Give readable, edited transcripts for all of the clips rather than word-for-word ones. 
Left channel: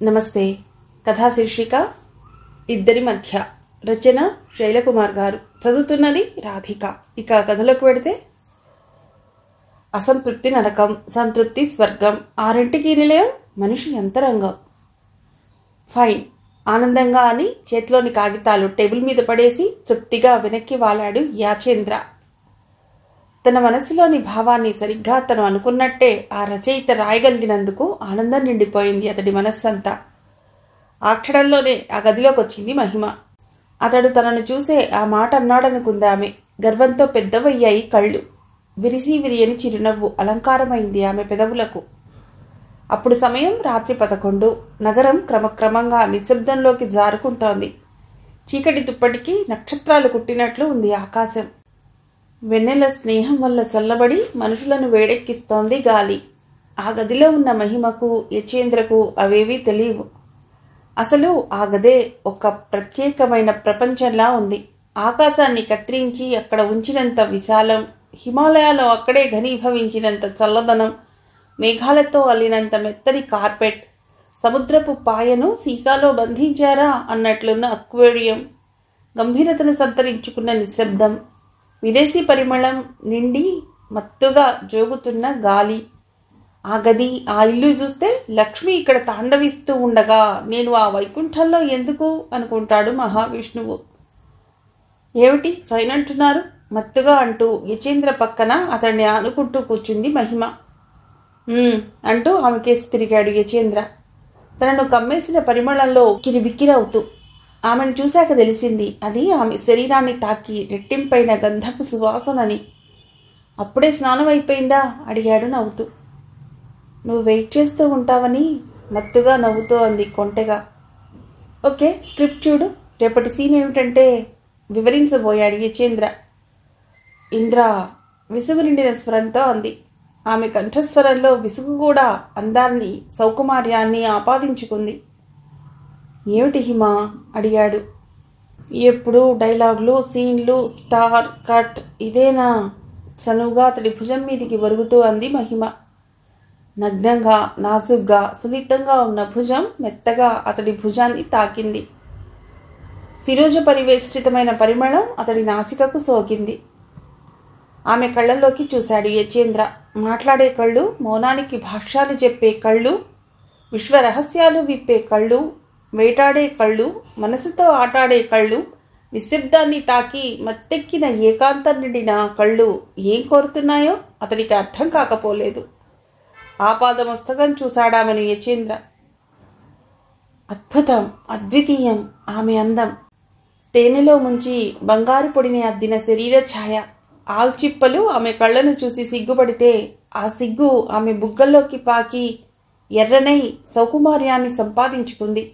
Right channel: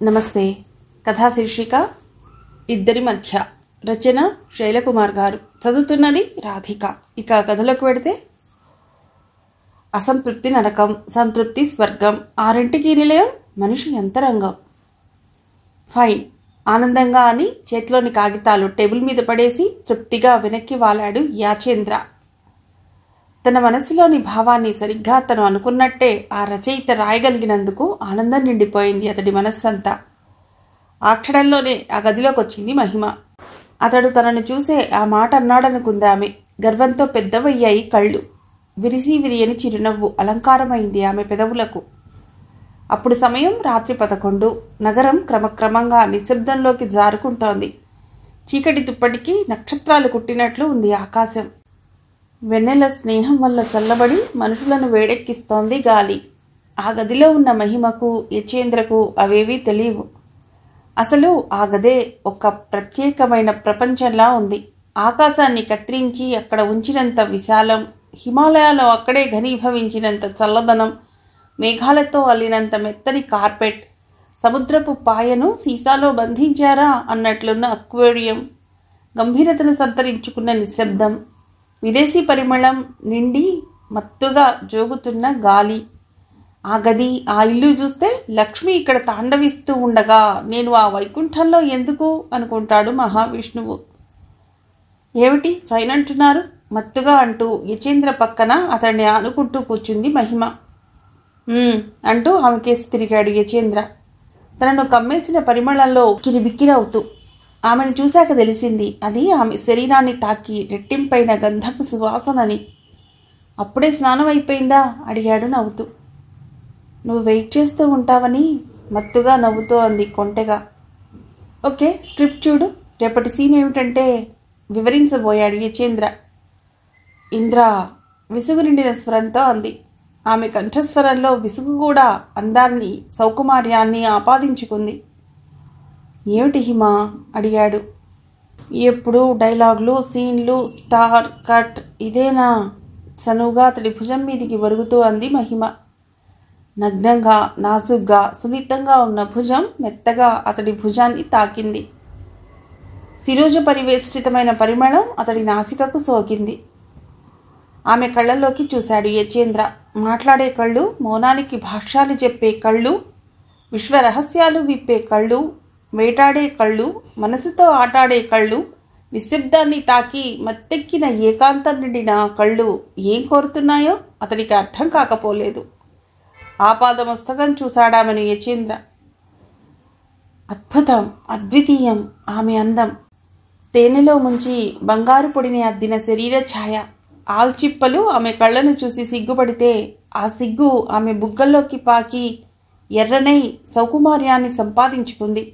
నమస్తే. కథా శీర్షిక ఇద్దరి మధ్య. రచన శైలకుమార్ గారు. చదువుతున్నది రాధిక. ఇక కథలోకి వెడితే, అసంతృప్తి నరకం, సంతృప్తి స్వర్గం, ఆరింటికి నిలయం మనిషి అంతరంగం. ఫైన్, ఆనందంగా అని చేతిలోని కాగితాలు టేబుల్ మీద పడేసి తృప్తిగా వెనక్కి వాలాడు యాచేంద్ర. తన మనసులోని భావాన్ని సరిగ్గా తను అనుకున్నట్టే ఆ రచయిత రాయగలిగినందుకు ఆనందం నిండిపోయింది అతడి మనస్సంతా. ఆ క్షణంలోనే ఆ గదిలోకి వచ్చింది మహిమ. అతడు తనను చూసే ఆ మాట అన్నాడనుకుంది ఆమె. గర్వంతో పెద్దవయ్యాయి కళ్ళు. విరిసి విరియని చిరునవ్వు అలంకారమైంది ఆమె పెదవులకు. అప్పుడు సమయం రాత్రి 11. నగరం క్రమక్రమంగా నిశ్శబ్దంలోకి జారుకుంటోంది. చీకటి దుప్పటికి నక్షత్రాలు కుట్టినట్లు ఉంది ఆకాశం. వెన్నెల స్నేహం వల్ల చల్లబడి మనుషులను వేడెక్కిస్తోంది గాలి. ఆ గదిలో ఉన్న మహిమకు, యచేంద్రకు అవేవీ తెలియవు. అసలు ఆ గదే ఒక ప్రత్యేకమైన ప్రపంచంలా ఉంది. ఆకాశాన్ని కత్తిరించి అక్కడ ఉంచినంత విశాలం, హిమాలయాలో అక్కడే ఘనీభవించినంత చల్లదనం, మేఘాలతో అల్లినంత మెత్తని కార్పెట్, సముద్రపు పాయను సీసాలో బంధించారా అన్నట్లున్న అక్వేరియం, గంభీరతను సంతరించుకున్న నిశ్శబ్దం, విదేశీ పరిమళం నిండి మత్తుగా జోగుతున్న గాలి. ఆ గది, ఆ ఇల్లు చూస్తే లక్ష్మి ఇక్కడ తాండవిస్తూ ఉండగా నేను ఆ వైకుంఠంలో ఎందుకు అనుకుంటాడు మహావిష్ణువు. ఏమిటి ఫైన్ అంటున్నారు మత్తుగా అంటూ యచేంద్ర పక్కన అతన్ని ఆనుకుంటూ కూర్చుంది మహిమ. అంటూ ఆమె కేసి తిరిగాడు యచేంద్ర, తనను కమ్మేసిన పరిమళంలో కిరిబిక్కిరవుతూ. ఆమెను చూశాక తెలిసింది అది ఆమె శరీరాన్ని తాకి రెట్టింపైన గంధపు సువాసనని. అప్పుడే స్నానం అయిపోయిందా అడిగాడు నవ్వుతూ. నువ్వు వెయిట్ చేస్తూ ఉంటావని మత్తుగా నవ్వుతూ అంది కొంటెగా. ఓకే, స్క్రిప్ట్ చూడు, రేపటి సీన్ ఏమిటంటే వివరించబోయాడు యచేంద్ర. ఇంద్ర విసుగు నిండిన స్వరంతో అంది. ఆమె కంఠస్వరంలో విసుగు కూడా అందాన్ని, సౌకుమార్యాన్ని ఆపాదించుకుంది. ఏమిటి హిమ అడిగాడు. ఎప్పుడు డైలాగులు, సీన్లు, స్టార్ కట్ ఇదేనా? సనువుగా అతడి భుజం మీదికి ఒరుగుతూ అంది మహిమ. నగ్నంగా, నాజుగ్గా, సున్నితంగా ఉన్న భుజం మెత్తగా అతడి భుజాన్ని తాకింది. శిరోజ పరివేష్టితమైన పరిమళం అతడి నాసికకు సోకింది. ఆమె కళ్ళల్లోకి చూశాడు యచేంద్ర. మాట్లాడే కళ్ళు, మౌనానికి భాష్యాలు చెప్పే కళ్ళు, విశ్వరహస్యాలు విప్పే కళ్ళు, వేటాడే కళ్ళు, మనసుతో ఆటాడే కళ్ళు, నిశ్శబ్దాన్ని తాకి మత్తెక్కిన ఏకాంతం నిండిన కళ్ళు ఏం కోరుతున్నాయో అతడికి అర్థం కాకపోలేదు. ఆపాదమస్తకం చూశాడామెను యచేంద్ర. అద్భుతం, అద్వితీయం ఆమె అందం. తేనెలో ముంచి బంగారు పొడిని అద్దిన శరీర ఛాయ. ఆల్చిప్పలు ఆమె కళ్ళను చూసి సిగ్గుపడితే ఆ సిగ్గు ఆమె బుగ్గల్లోకి పాకి ఎర్రనై సౌకుమార్యాన్ని సంపాదించుకుంది.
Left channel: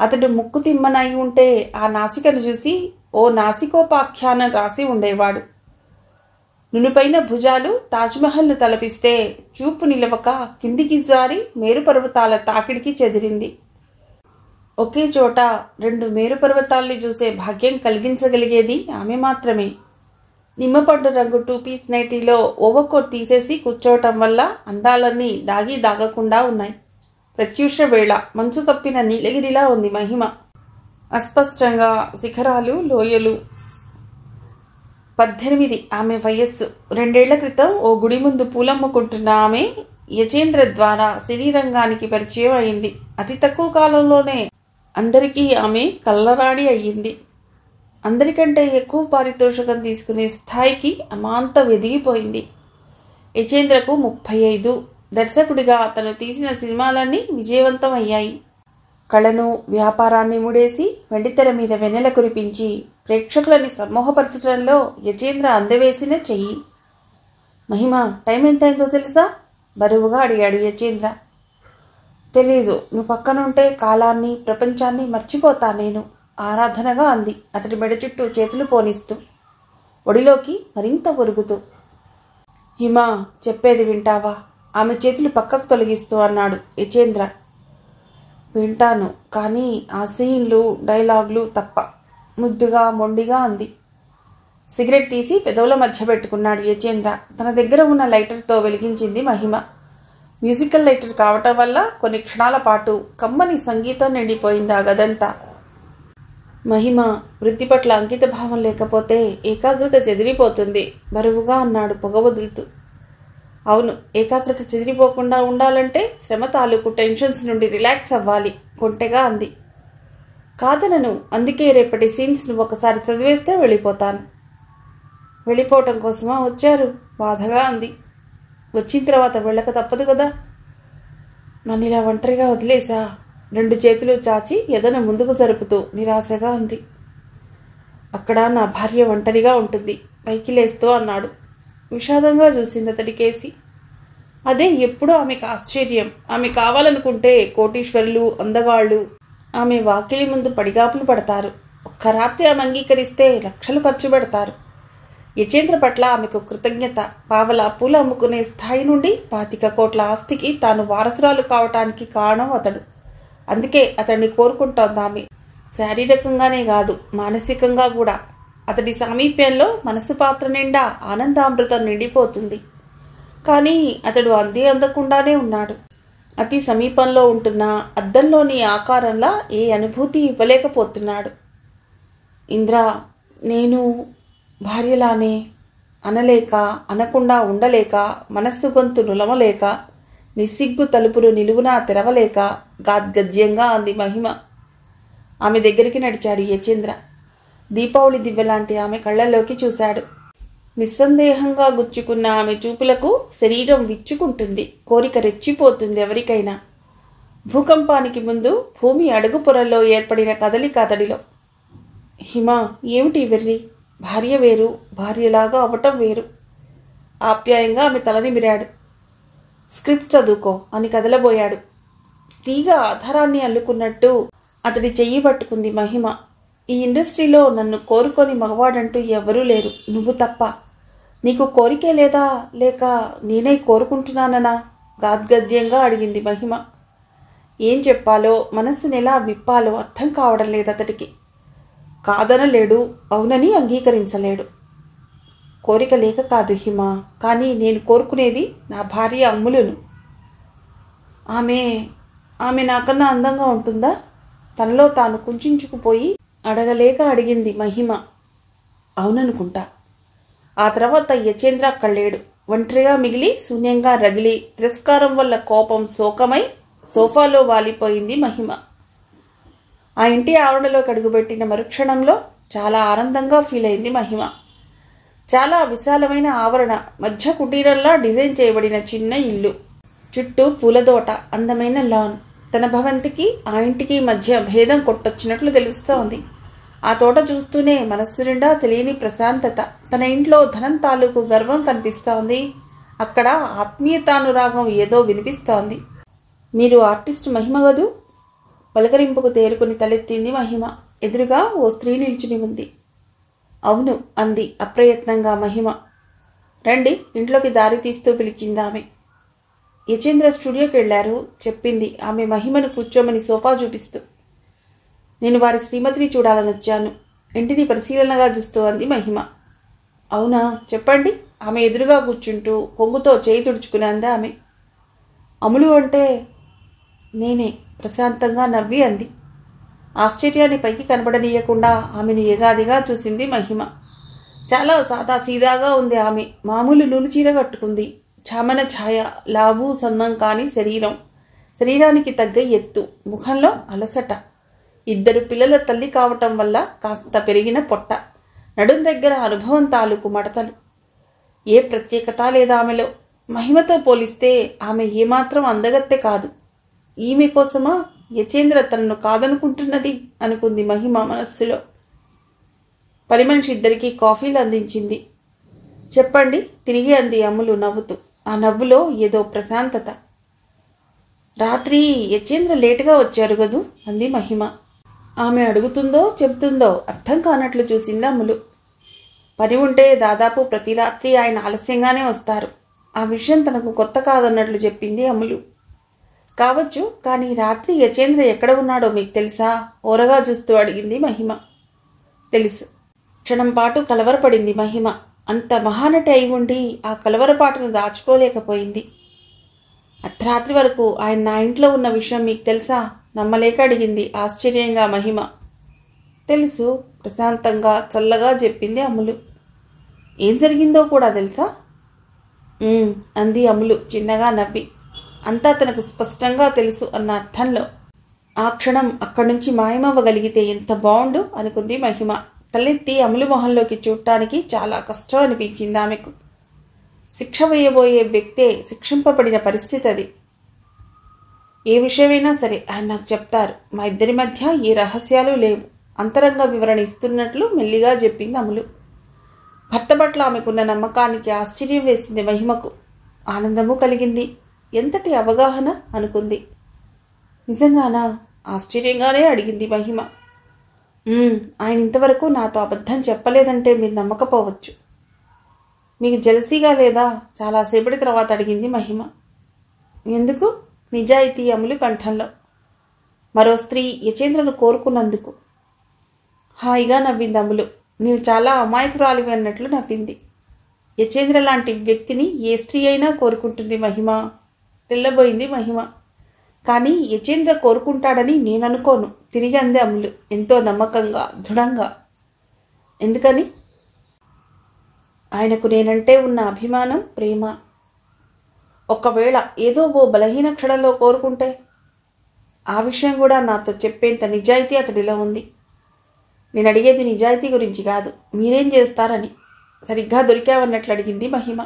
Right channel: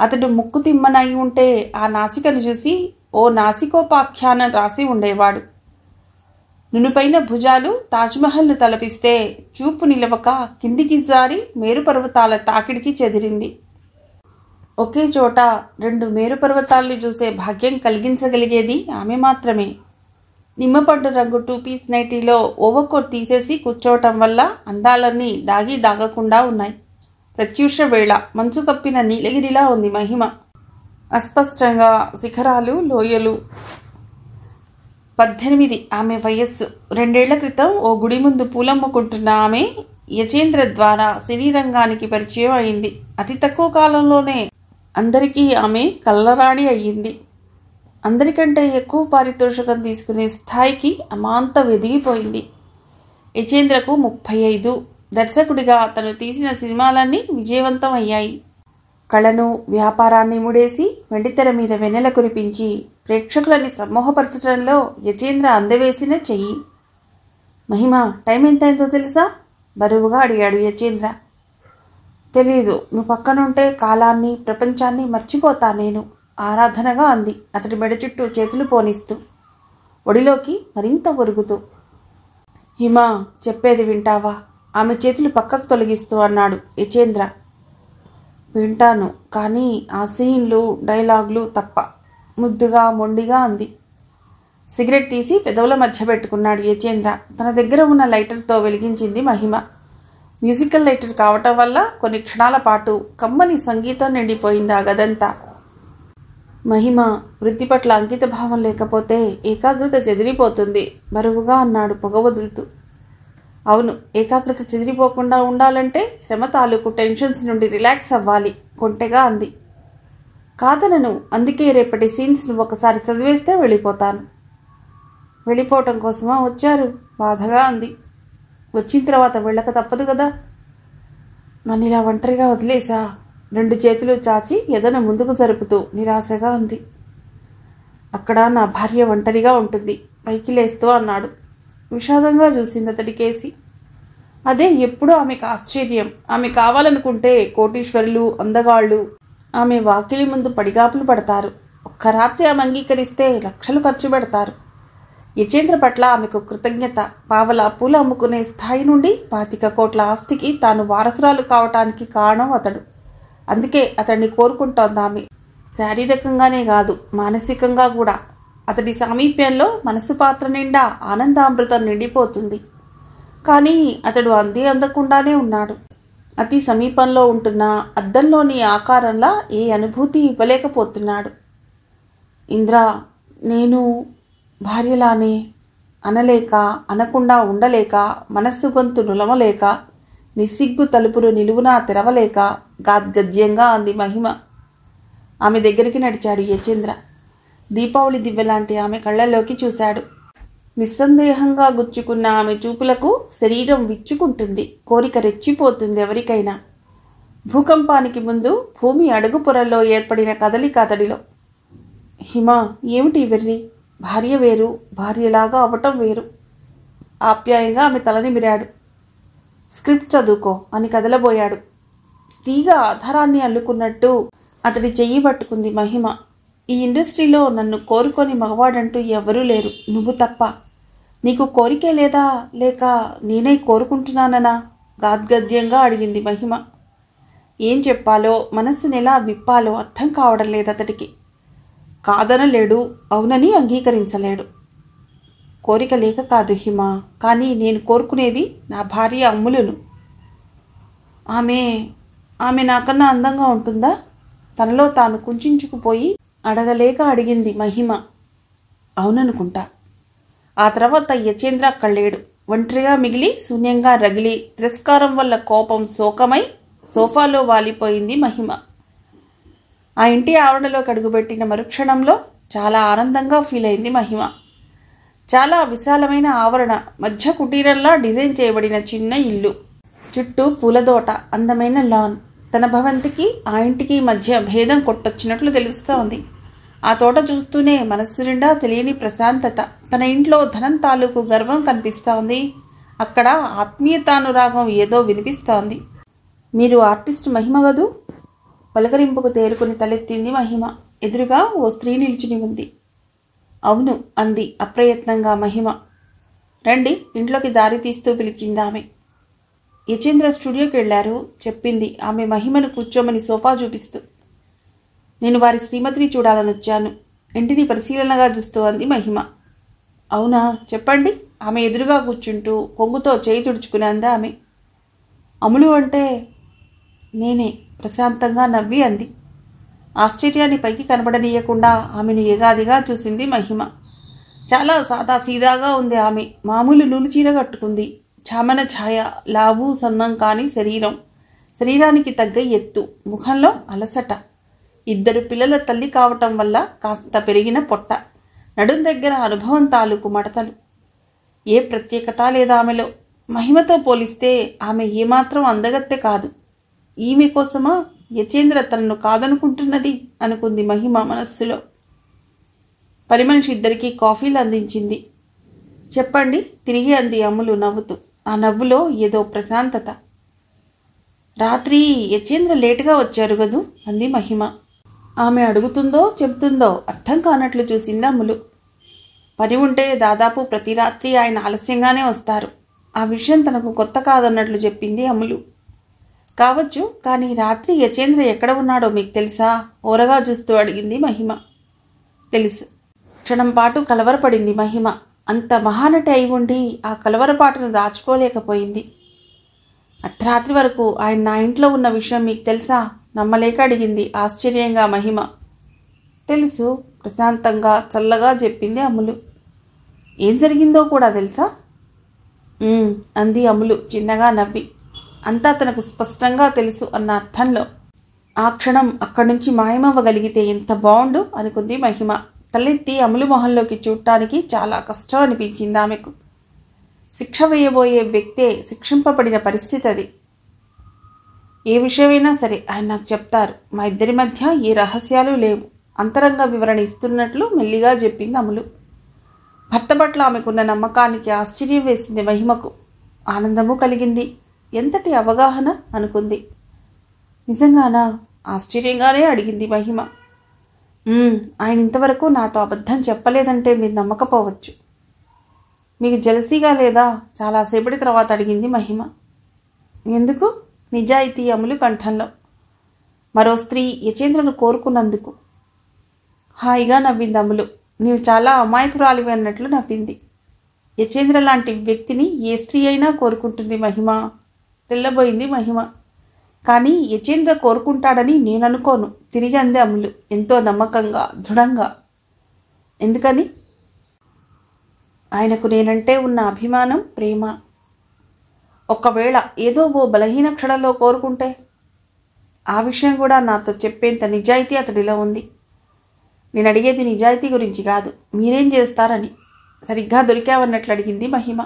అతడు ముక్కు తిమ్మనై ఉంటే ఆ నాసికను చూసి ఓ నాసికోపాఖ్యానం రాసి ఉండేవాడు. నునుపైన భుజాలు తాజ్మహల్ను తలపిస్తే చూపు నిలవక కిందికి జారి మేరుపర్వతాల తాకిడికి చెదిరింది. ఒకే చోట 2 మేరుపర్వతాల్ని చూసే భాగ్యం కలిగించగలిగేది ఆమె మాత్రమే. నిమ్మపండు రంగు 2 పీస్ నైటీలో ఓవర్కోట్ తీసేసి కూర్చోవటం వల్ల అందాలన్నీ దాగి దాగకుండా ఉన్నాయి. ప్రత్యూష వేళ మంచు కప్పిన నీలగిరిలా ఉంది మహిమ. అస్పష్టంగా శిఖరాలు, లోయలు. 18 ఆమె వయస్సు. 2 ఏళ్ల క్రితం ఓ గుడి ముందు పూలమ్ముకుంటున్న ఆమె యచేంద్ర ద్వారా సినీరంగానికి పరిచయం అయింది. అతి తక్కువ కాలంలోనే అందరికీ ఆమె కళ్ళరాడి అయ్యింది. అందరికంటే ఎక్కువ పారితోషికం తీసుకునే స్థాయికి అమాంతం ఎదిగిపోయింది. యచేంద్రకు 35. దర్శకుడిగా తను తీసిన సినిమాలన్నీ విజయవంతం అయ్యాయి. కళను, వ్యాపారాన్ని ముడేసి వెండితెర మీద వెన్నెల కురిపించి ప్రేక్షకులని సమ్మోహపరచడంలో యచేంద్ర అందవేసిన చెయ్యి. మహిమ, టైం ఎంతైందో తెలుసా? బరువుగా అడిగాడు యచేంద్ర. తెలీదు, నువ్వు పక్కనుంటే కాలాన్ని, ప్రపంచాన్ని మర్చిపోతా నేను, ఆరాధనగా అంది అతడి మెడ చుట్టూ చేతులు పోనిస్తూ, ఒడిలోకి మరింత ఒరుగుతూ. హిమ, చెప్పేది వింటావా? ఆమె చేతులు పక్కకు తొలగిస్తూ అన్నాడు యచేంద్ర. వింటాను, కానీ ఆ సీన్లు, డైలాగులు తప్ప, ముద్దుగా మొండిగా అంది. సిగరెట్ తీసి పెదవుల మధ్య పెట్టుకున్నాడు యచేంద్ర. తన దగ్గర ఉన్న లైటర్తో వెలిగించింది మహిమ. మ్యూజికల్ లైటర్ కావటం వల్ల కొన్ని క్షణాల పాటు కమ్మని సంగీతం నిండిపోయింది ఆ గదంతా. మహిమ వృత్తి పట్ల అంకిత భావం లేకపోతే ఏకాగ్రత చెదిరిపోతుంది బరువుగా అన్నాడు పొగ వదులుతూ. అవును, ఏకాగ్రత చెదిరిపోకుండా ఉండాలంటే శ్రమ తాలూకు టెన్షన్స్ నుండి రిలాక్స్ అవ్వాలి కొంటెగా అంది. కాదనను, అందుకే రేపటి సీన్స్ను ఒకసారి చదివేస్తే వెళ్ళిపోతాను. వెళ్ళిపోవటం కోసమా వచ్చారు? బాధగా అంది. వచ్చిన తర్వాత వెళ్ళక తప్పదు కదా. నన్నిలా ఒంటరిగా వదిలేసా? 2 చేతులు చాచి ఎదను ముందుకు జరుపుతూ నిరాశగా ఉంది. అక్కడ నా భార్య ఒంటరిగా ఉంటుంది పైకి లేస్తూ అన్నాడు. విషాదంగా చూసింది అతడికేసి. అదే ఎప్పుడూ ఆమెకు ఆశ్చర్యం. ఆమె కావాలనుకుంటే కోటీశ్వరులు, అందగాళ్ళు ఆమె వాకిలి ముందు పడిగాపులు పడతారు. ఒక్క రాత్రి ఆమె అంగీకరిస్తే లక్షలు ఖర్చు పెడతారు. యచేంద్ర పట్ల ఆమెకు కృతజ్ఞత. పావలా పూలు అమ్ముకునే స్థాయి నుండి 25 కోట్ల ఆస్తికి తాను వారసురాలు కావటానికి కారణం అతడు. అందుకే అతన్ని కోరుకుంటోంది ఆమె. శారీరకంగానే కాదు, మానసికంగా కూడా. అతడి సామీప్యంలో మనసు పాత్ర నిండా ఆనందామృతం నిండిపోతుంది. కానీ అతడు అందకుండానే ఉన్నాడు. అతి సమీపంలో ఉంటున్న అద్దంలోని ఆకారంలా ఏ అనుభూతి ఇవ్వలేకపోతున్నాడు. ఇంద్రా, నేను భార్యలానే అనలేక, అనకుండా ఉండలేక, మనస్సు గొంతు నులమలేక, నిస్సిగ్గు తలుపులు నిలువునా తెరవలేక గాద్గద్యంగా అంది మహిమ. ఆమె దగ్గరికి నడిచాడు యచేంద్ర. దీపావళి దివ్వెలాంటి ఆమె కళ్ళల్లోకి చూశాడు. నిస్సందేహంగా గుచ్చుకున్న ఆమె చూపులకు శరీరం విచ్చుకుంటుంది. కోరిక రెచ్చిపోతుంది ఎవరికైనా. భూకంపానికి ముందు భూమి అడుగు పొరల్లో ఏర్పడిన కదలిక అతడిలో. హిమ, ఏమిటి వెర్రి? భార్య వేరు, భార్యలాగా అవ్వటం వేరు. ఆప్యాయంగా ఆమె తలనిమిరాడు. స్క్రిప్ట్ చదువుకో అని కదలబోయాడు. తీగ ఆధారాన్ని అల్లుకున్నట్టు అతడి చెయ్యి పట్టుకుంది మహిమ. ఈ ఇండస్ట్రీలో నన్ను కోరుకొని మగవాడంటూ ఎవరూ లేరు, నువ్వు తప్ప. నీకు కోరికే లేదా, లేక నేనే కోరుకుంటున్నాననా? గాద్గద్యంగా అడిగింది మహిమ. ఏం చెప్పాలో, మనస్సుని ఎలా విప్పాలో అర్థం కావడం లేదు అతడికి. కాదనలేడు, అవునని అంగీకరించలేడు. కోరిక లేక కాదు హిమ, కానీ నేను కోరుకునేది నా భార్య అమ్ములును. ఆమె నాకన్నా అందంగా ఉంటుందా? తనలో తాను కుంచుకుపోయి అడగలేక అడిగింది మహిమ. అవుననుకుంటా. ఆ తర్వాత యచేంద్ర కళ్ళేడు. ఒంటరిగా మిగిలి శూన్యంగా రగిలి తిరస్కారం వల్ల కోపం శోకమై సోఫాలో వాలిపోయింది మహిమ. ఆ ఇంటి ఆవరణలోకి అడుగుపెట్టిన మరుక్షణంలో చాలా ఆనందంగా ఫీల్ అయింది మహిమ. చాలా విశాలమైన ఆవరణ, మధ్య కుటీరంలా డిజైన్ చేయబడిన చిన్న ఇల్లు, చుట్టూ పూలదోట, అందమైన లాన్. తన భవంతికి ఆ ఇంటికి మధ్య భేదం కొట్టొచ్చినట్లు తెలుస్తోంది. ఆ తోట చూస్తూనే మనస్సు నిండా తెలియని ప్రశాంతత. తన ఇంట్లో ధనం తాలూకు గర్వం కనిపిస్తోంది. అక్కడ ఆత్మీయతానురాగం ఏదో వినిపిస్తోంది. మీరు ఆర్టిస్ట్ మహిమ గదూ? పలకరింపుకు తేరుకుని తలెత్తింది మహిమ. ఎదురుగా ఓ స్త్రీ నిల్చుని ఉంది. అవును అంది అప్రయత్నంగా మహిమ. రండి, ఇంట్లోకి దారి తీస్తూ పిలిచిందామె. యచేంద్ర స్టూడియోకి వెళ్లారు చెప్పింది ఆమె మహిమను కూర్చోమని సోఫా చూపిస్తూ. నేను వారి శ్రీమతిని చూడాలని వచ్చాను. ఇంటిని పరిశీలనగా చూస్తూ అంది మహిమ. అవునా, చెప్పండి. ఆమె ఎదురుగా కూర్చుంటూ కొంగుతో చేయి తుడుచుకుని అంది ఆమె. అములు అంటే నేనే, ప్రశాంతంగా నవ్వి అంది. ఆశ్చర్యాన్ని పైకి కనబడనీయకుండా ఆమెను ఏగాదిగా చూసింది మహిమ. చాలా సాదా సీదాగా ఉంది ఆమె. మామూలు నూలు చీర కట్టుకుంది. చామన ఛాయ, లావు సన్నం కాని శరీరం, శరీరానికి తగ్గ ఎత్తు, ముఖంలో అలసట. 2 పిల్లల తల్లి కావటం వల్ల కాస్త పెరిగిన పొట్ట, నడుం దగ్గర అనుభవం తాలూకు మడతలు. ఏ ప్రత్యేకత లేదా ఆమెలో. మహిమతో పోలిస్తే ఆమె ఏమాత్రం అందగత్తె కాదు. ఈమె కోసమా యచేంద్ర తనను కాదనుకుంటున్నది అనుకుంది మహిమ మనస్సులో. పని మనిషి ఇద్దరికీ కాఫీలు అందించింది. చెప్పండి తిరిగి అంది అమ్ములు నవ్వుతూ. ఆ నవ్వులో ఏదో ప్రశాంతత. రాత్రి యచేంద్ర లేటుగా వచ్చారు గదు అంది మహిమ. ఆమె అడుగుతుందో చెబుతుందో అర్థం కానట్లు చూసింది అమ్ములు. పని ఉంటే దాదాపు ప్రతి రాత్రి ఆయన ఆలస్యంగానే వస్తారు. ఆ విషయం తనకు కొత్త కాదన్నట్లు చెప్పింది అమ్ములు. కావచ్చు, కానీ రాత్రి యచేంద్ర ఎక్కడ ఉన్నాడో మీకు తెలుసా? ఓరగా చూస్తూ అడిగింది మహిమ. తెలుసు. క్షణం పాటు కలవరపడింది మహిమ. అంత మహానటి అయి ఉండి ఆ కలవరపాటును దాచుకోలేకపోయింది. అర్ధరాత్రి వరకు ఆయన నా ఇంట్లో ఉన్న విషయం మీకు తెలుసా? నమ్మలేక అడిగింది ఆశ్చర్యంగా మహిమ. తెలుసు, ప్రశాంతంగా చల్లగా చెప్పింది అమ్ములు. ఏం జరిగిందో కూడా తెలుసా? అంది అమ్ములు చిన్నగా నవ్వి. అంతా తనకు స్పష్టంగా తెలుసు అన్న అర్థంలో. ఆ క్షణం అక్కడి నుంచి మాయమవ్వగలిగితే ఎంత బాగుండు అనుకుంది మహిమ. తలెత్తి అమ్ములు మొహంలోకి చూడటానికి చాలా కష్టం అనిపించింది ఆమెకు. శిక్ష వేయబోయే వ్యక్తే శిక్షింపబడిన పరిస్థితి అది. ఏ విషయమైనా సరే ఆయన నాకు చెప్తారు. మా ఇద్దరి మధ్య ఏ రహస్యాలు లేవు. అంతరంగ వివరణ ఇస్తున్నట్లు మెల్లిగా చెప్పింది అమ్ములు. భర్త పట్ల ఆమెకున్న నమ్మకానికి ఆశ్చర్యం వేసింది మహిమకు. ఆనందము కలిగింది. ఎంతటి అవగాహన అనుకుంది. నిజంగానా? ఆశ్చర్యంగానే అడిగింది మహిమ. ఆయన ఇంతవరకు నాతో అబద్ధం చెప్పలేదంటే మీరు నమ్మకపోవచ్చు. మీకు జలసీగా లేదా? చాలాసేపటి తర్వాత అడిగింది మహిమ. ఎందుకు? నిజాయితీ అమ్ములు కంఠంలో. మరో స్త్రీ యచేంద్రను కోరుకున్నందుకు. హాయిగా నవ్వింది అమ్ములు. నీవు చాలా అమాయకురాలివి అన్నట్లు నవ్వింది. యచేంద్ర లాంటి వ్యక్తిని ఏ స్త్రీ అయినా కోరుకుంటుంది మహిమ. తెల్లబోయింది మహిమ. కానీ యచేంద్ర కోరుకుంటాడని నేననుకోను, తిరిగి అంది అమ్ములు ఎంతో నమ్మకంగా, దృఢంగా. ఎందుకని? ఆయనకు నేనంటే ఉన్న అభిమానం, ప్రేమ. ఒకవేళ ఏదో ఓ బలహీన క్షణంలో కోరుకుంటే? ఆ విషయం కూడా నాతో చెప్పేంత నిజాయితీ అతడిలో ఉంది. నేను అడిగేది నిజాయితీ గురించి కాదు, మీరేం చేస్తారని. సరిగ్గా దొరికావన్నట్లు అడిగింది మహిమ.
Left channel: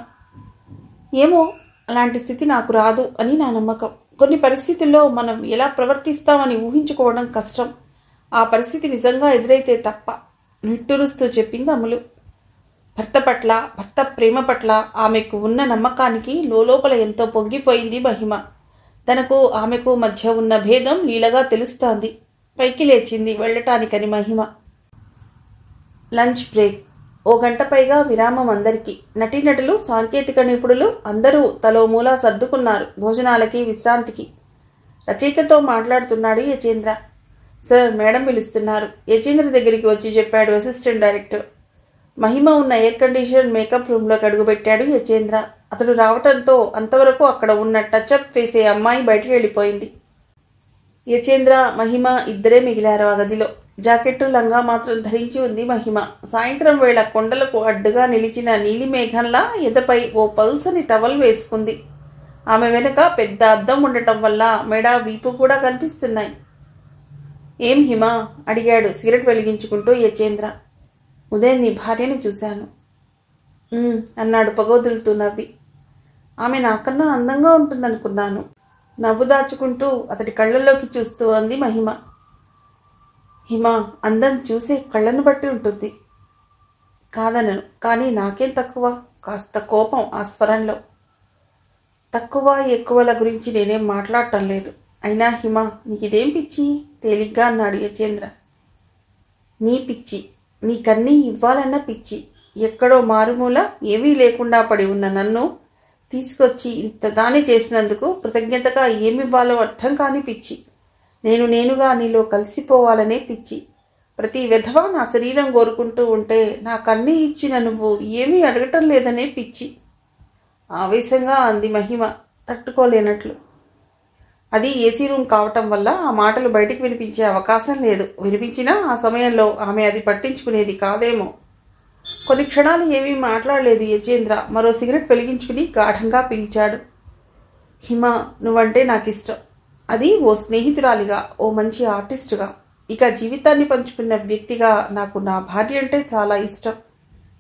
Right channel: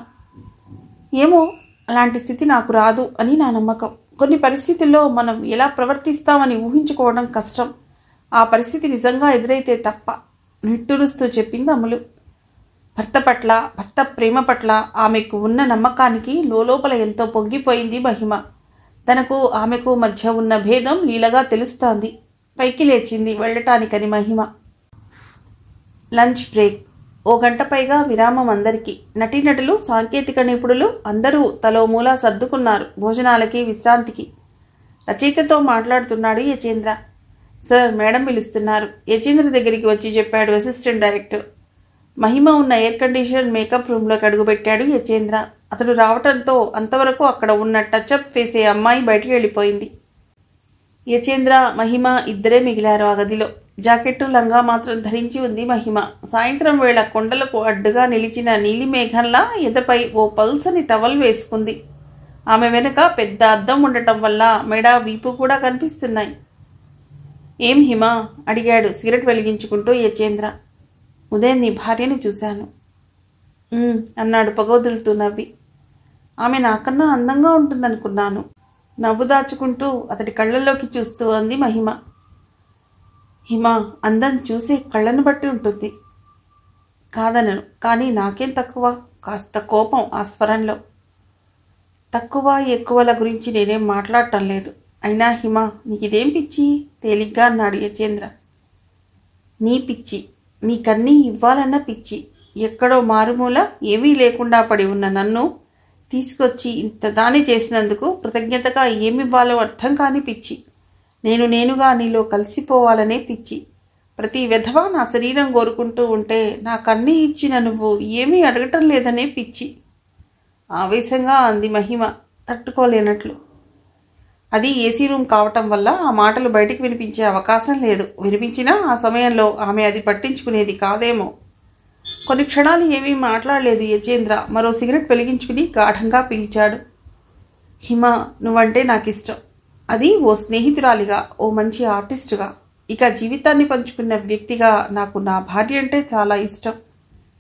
ఏమో, అలాంటి స్థితి నాకు రాదు అని నా నమ్మకం. కొన్ని పరిస్థితుల్లో మనం ఎలా ప్రవర్తిస్తామని ఊహించుకోవడం కష్టం. ఆ పరిస్థితి నిజంగా ఎదురైతే తప్ప నిట్టూరుస్తూ చెప్పింది అమ్ములు. భర్త ప్రేమ పట్ల ఆమెకు ఉన్న నమ్మకానికి లోపల ఎంతో పొంగిపోయింది మహిమ. తనకు ఆమెకు మధ్య ఉన్న భేదం లీలగా తెలుస్తోంది. పైకి లేచింది వెళ్ళటానికని మహిమ. Lunch break. 1 గంట పైగా విరామం అందరికీ. నటీనటులు, సాంకేతిక నిపుణులు అందరూ తలో మూల సర్దుకున్నారు భోజనాలకి, విశ్రాంతికి. రచయితతో మాట్లాడుతున్నాడు యచేంద్ర. సార్, మేడం పిలుస్తున్నారు. యచేంద్ర దగ్గరికి వచ్చి చెప్పాడు అసిస్టెంట్ డైరెక్టర్. మహిమ ఉన్న ఎయిర్ కండిషన్ మేకప్ రూమ్లోకి అడుగుపెట్టాడు యచేంద్ర. అతడు రావటంతో అంతవరకు అక్కడ ఉన్న టచ్అప్ వేసే అమ్మాయి బయటికి వెళ్ళిపోయింది. యచేంద్ర, మహిమ ఇద్దరే మిగిలారు ఆ గదిలో. జాకెట్టు, లంగా మాత్రం ధరించి ఉంది మహిమ. సాయంత్రం వేళ కొండలకు అడ్డుగా నిలిచిన నీలిమేఘంలా ఎదపై ఓ పల్సని టవల్ వేసుకుంది. ఆమె వెనుక పెద్ద అద్దం ఉండటం వల్ల మెడ, వీపు కూడా కనిపిస్తున్నాయి. ఏం హిమ? అడిగాడు సిగరెట్ వెలిగించుకుంటూ యచేంద్ర. ఉదయం నీ భార్యను చూశాను అన్నాడు పొగొదులుతూ నవ్వి. ఆమె నాకన్నా అందంగా ఉంటుందనుకున్నాను. నవ్వు దాచుకుంటూ అతడి కళ్ళల్లోకి చూస్తూ అంది మహిమ. హిమ, అందం చూసే కళ్ళను బట్టి ఉంటుంది. కాదనను, కానీ నాకేం తక్కువ? కాస్త కోపం ఆ స్వరంలో. తక్కువ ఎక్కువల గురించి నేనేం మాట్లాడటం లేదు. అయినా హిమ, నీకిదేం పిచ్చి? తేలిగ్గా అన్నాడు యచేంద్ర. నీ పిచ్చి, నీకన్నీ ఇవ్వాలన్న పిచ్చి. ఎక్కడో మారుమూల ఏమీ లేకుండా పడి ఉన్న నన్ను తీసుకొచ్చి ఇంత దాని చేసినందుకు కృతజ్ఞతగా ఏమివ్వాలో అర్థం కాని పిచ్చి. నేనుగా నీలో కలిసిపోవాలనే పిచ్చి. ప్రతి విధవ నా శరీరం కోరుకుంటూ ఉంటే నాకన్నీ ఇచ్చిన నువ్వు ఏమీ అడగటం లేదనే పిచ్చి. ఆవేశంగా అంది మహిమ తట్టుకోలేనట్లు. అది ఏసీ రూమ్ కావటం వల్ల ఆ మాటలు బయటికి వినిపించే అవకాశం లేదు. వినిపించినా ఆ సమయంలో ఆమె అది పట్టించుకునేది కాదేమో. కొన్ని క్షణాలు ఏమీ మాట్లాడలేదు యచేంద్ర. మరో సిగరెట్ వెలిగించుకుని గాఢంగా పీల్చాడు. హిమ, నువ్వంటే నాకిష్టం. అది ఓ స్నేహితురాలిగా, ఓ మంచి ఆర్టిస్టుగా, ఇక జీవితాన్ని పంచుకున్న వ్యక్తిగా నాకు నా భార్య అంటే చాలా ఇష్టం,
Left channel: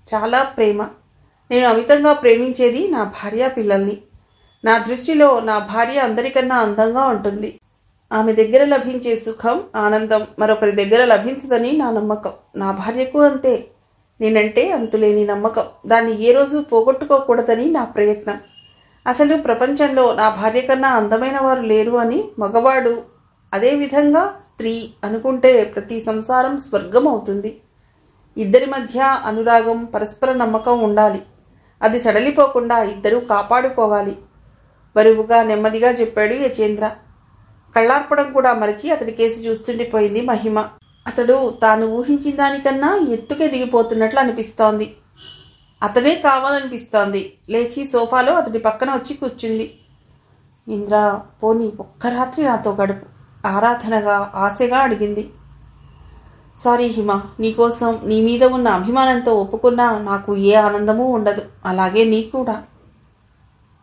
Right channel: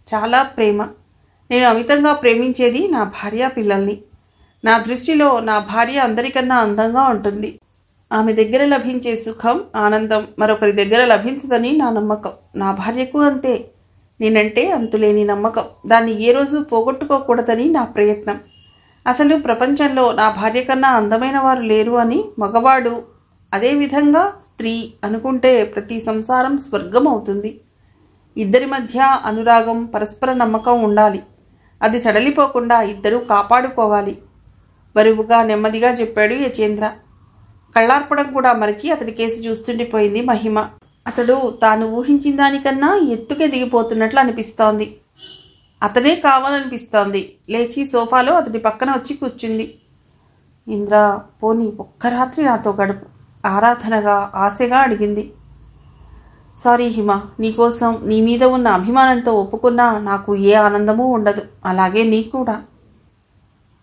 చాలా ప్రేమ. నేను అమితంగా ప్రేమించేది నా భార్య, పిల్లల్ని. నా దృష్టిలో నా భార్య అందరికన్నా అందంగా ఉంటుంది. ఆమె దగ్గర లభించే సుఖం, ఆనందం మరొకరి దగ్గర లభించదని నా నమ్మకం. నా భార్యకు అంతే. నేనంటే అంతులేని నమ్మకం. దాన్ని ఏ రోజు పోగొట్టుకోకూడదని నా ప్రయత్నం. అసలు ప్రపంచంలో నా భార్య కన్నా అందమైన వారు లేరు అని మగవాడు, అదేవిధంగా స్త్రీ అనుకుంటే ప్రతి సంసారం స్వర్గం అవుతుంది. ఇద్దరి మధ్య అనురాగం, పరస్పర నమ్మకం ఉండాలి. అది సడలిపోకుండా ఇద్దరూ కాపాడుకోవాలి. బరువుగా, నెమ్మదిగా చెప్పాడు యచేంద్ర. కళ్ళార్పడం కూడా మరచి అతడి కేసి చూస్తుండిపోయింది మహిమ. అతడు తాను ఊహించిన దానికన్నా ఎత్తుకే దిగిపోతున్నట్లు అనిపిస్తోంది. అతనే కావాలనిపిస్తోంది. లేచి సోఫాలో అతడి పక్కన వచ్చి కూర్చుంది. ఇంద్ర, పోనీ ఒక్క రాత్రి నాతో గడుపు, ఆరాధనగా ఆశగా అడిగింది. సారీ హిమ, నీకోసం నీ మీద ఉన్న అభిమానంతో ఒప్పుకున్నా నాకు ఏ ఆనందమూ ఉండదు. అలాగే నీ కూడా.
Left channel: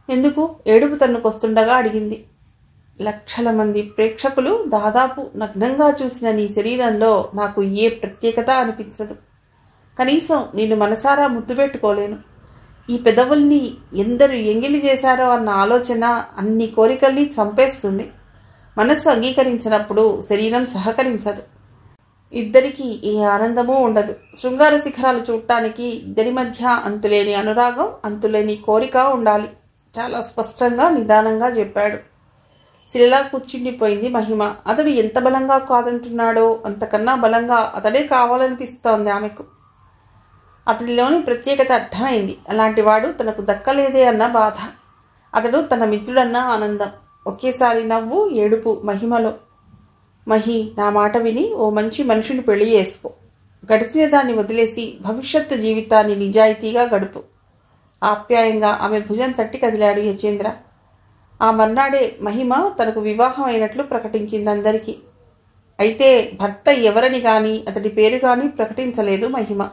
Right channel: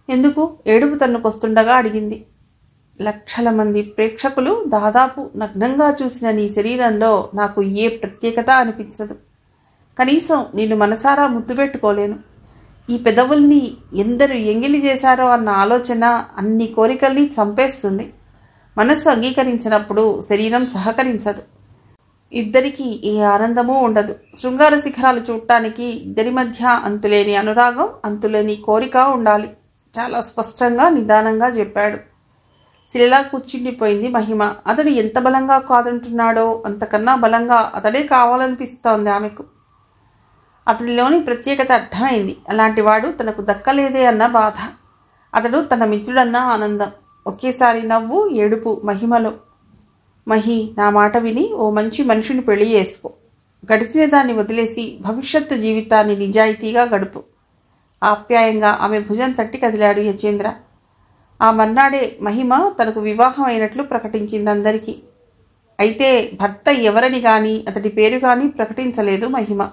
ఎందుకు? ఏడుపు తన్నుకొస్తుండగా అడిగింది. లక్షల మంది ప్రేక్షకులు దాదాపు నగ్నంగా చూసిన నీ శరీరంలో నాకు ఏ ప్రత్యేకత అనిపించదు. కనీసం నిన్ను మనసారా ముద్దు పెట్టుకోలేను. ఈ పెదవుల్ని ఎందరు ఎంగిలి చేశారో అన్న ఆలోచన అన్ని కోరికల్ని చంపేస్తుంది. మనస్సు అంగీకరించినప్పుడు శరీరం సహకరించదు. ఇద్దరికీ ఏ ఆనందమూ ఉండదు. శృంగార శిఖరాలు చూడటానికి ఇద్దరి మధ్య అంతులేని అనురాగం, అంతులేని కోరిక ఉండాలి. చాలా స్పష్టంగా నిదానంగా చెప్పాడు. శిలలా కూర్చుండిపోయింది మహిమ. అతడు ఎంత బలంగా కాదంటున్నాడో అంతకన్నా బలంగా అతడే కావాలనిపిస్తోంది ఆమెకు. అతడిలోని ప్రత్యేకత అర్థమైంది. అలాంటివాడు తనకు దక్కలేదే అన్న బాధ, అతడు తన మిత్రుడన్న ఆనందం. ఒకేసారి నవ్వు, ఏడుపు మహిమలో. మహి, నా మాట విని ఓ మంచి మనిషిని పెళ్లి చేసుకో. గడిచిన దాన్ని వదిలేసి భవిష్యత్తు జీవితాన్ని నిజాయితీగా గడుపు. ఆప్యాయంగా ఆమె భుజం తట్టి కదిలాడు యచేంద్ర. ఆ మర్నాడే మహిమ తనకు వివాహం అయినట్లు ప్రకటించింది అందరికీ. అయితే భర్త ఎవరని గాని అతడి పేరు గాని ప్రకటించలేదు మహిమ.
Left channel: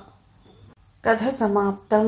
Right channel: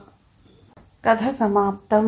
కథ సమాప్తం.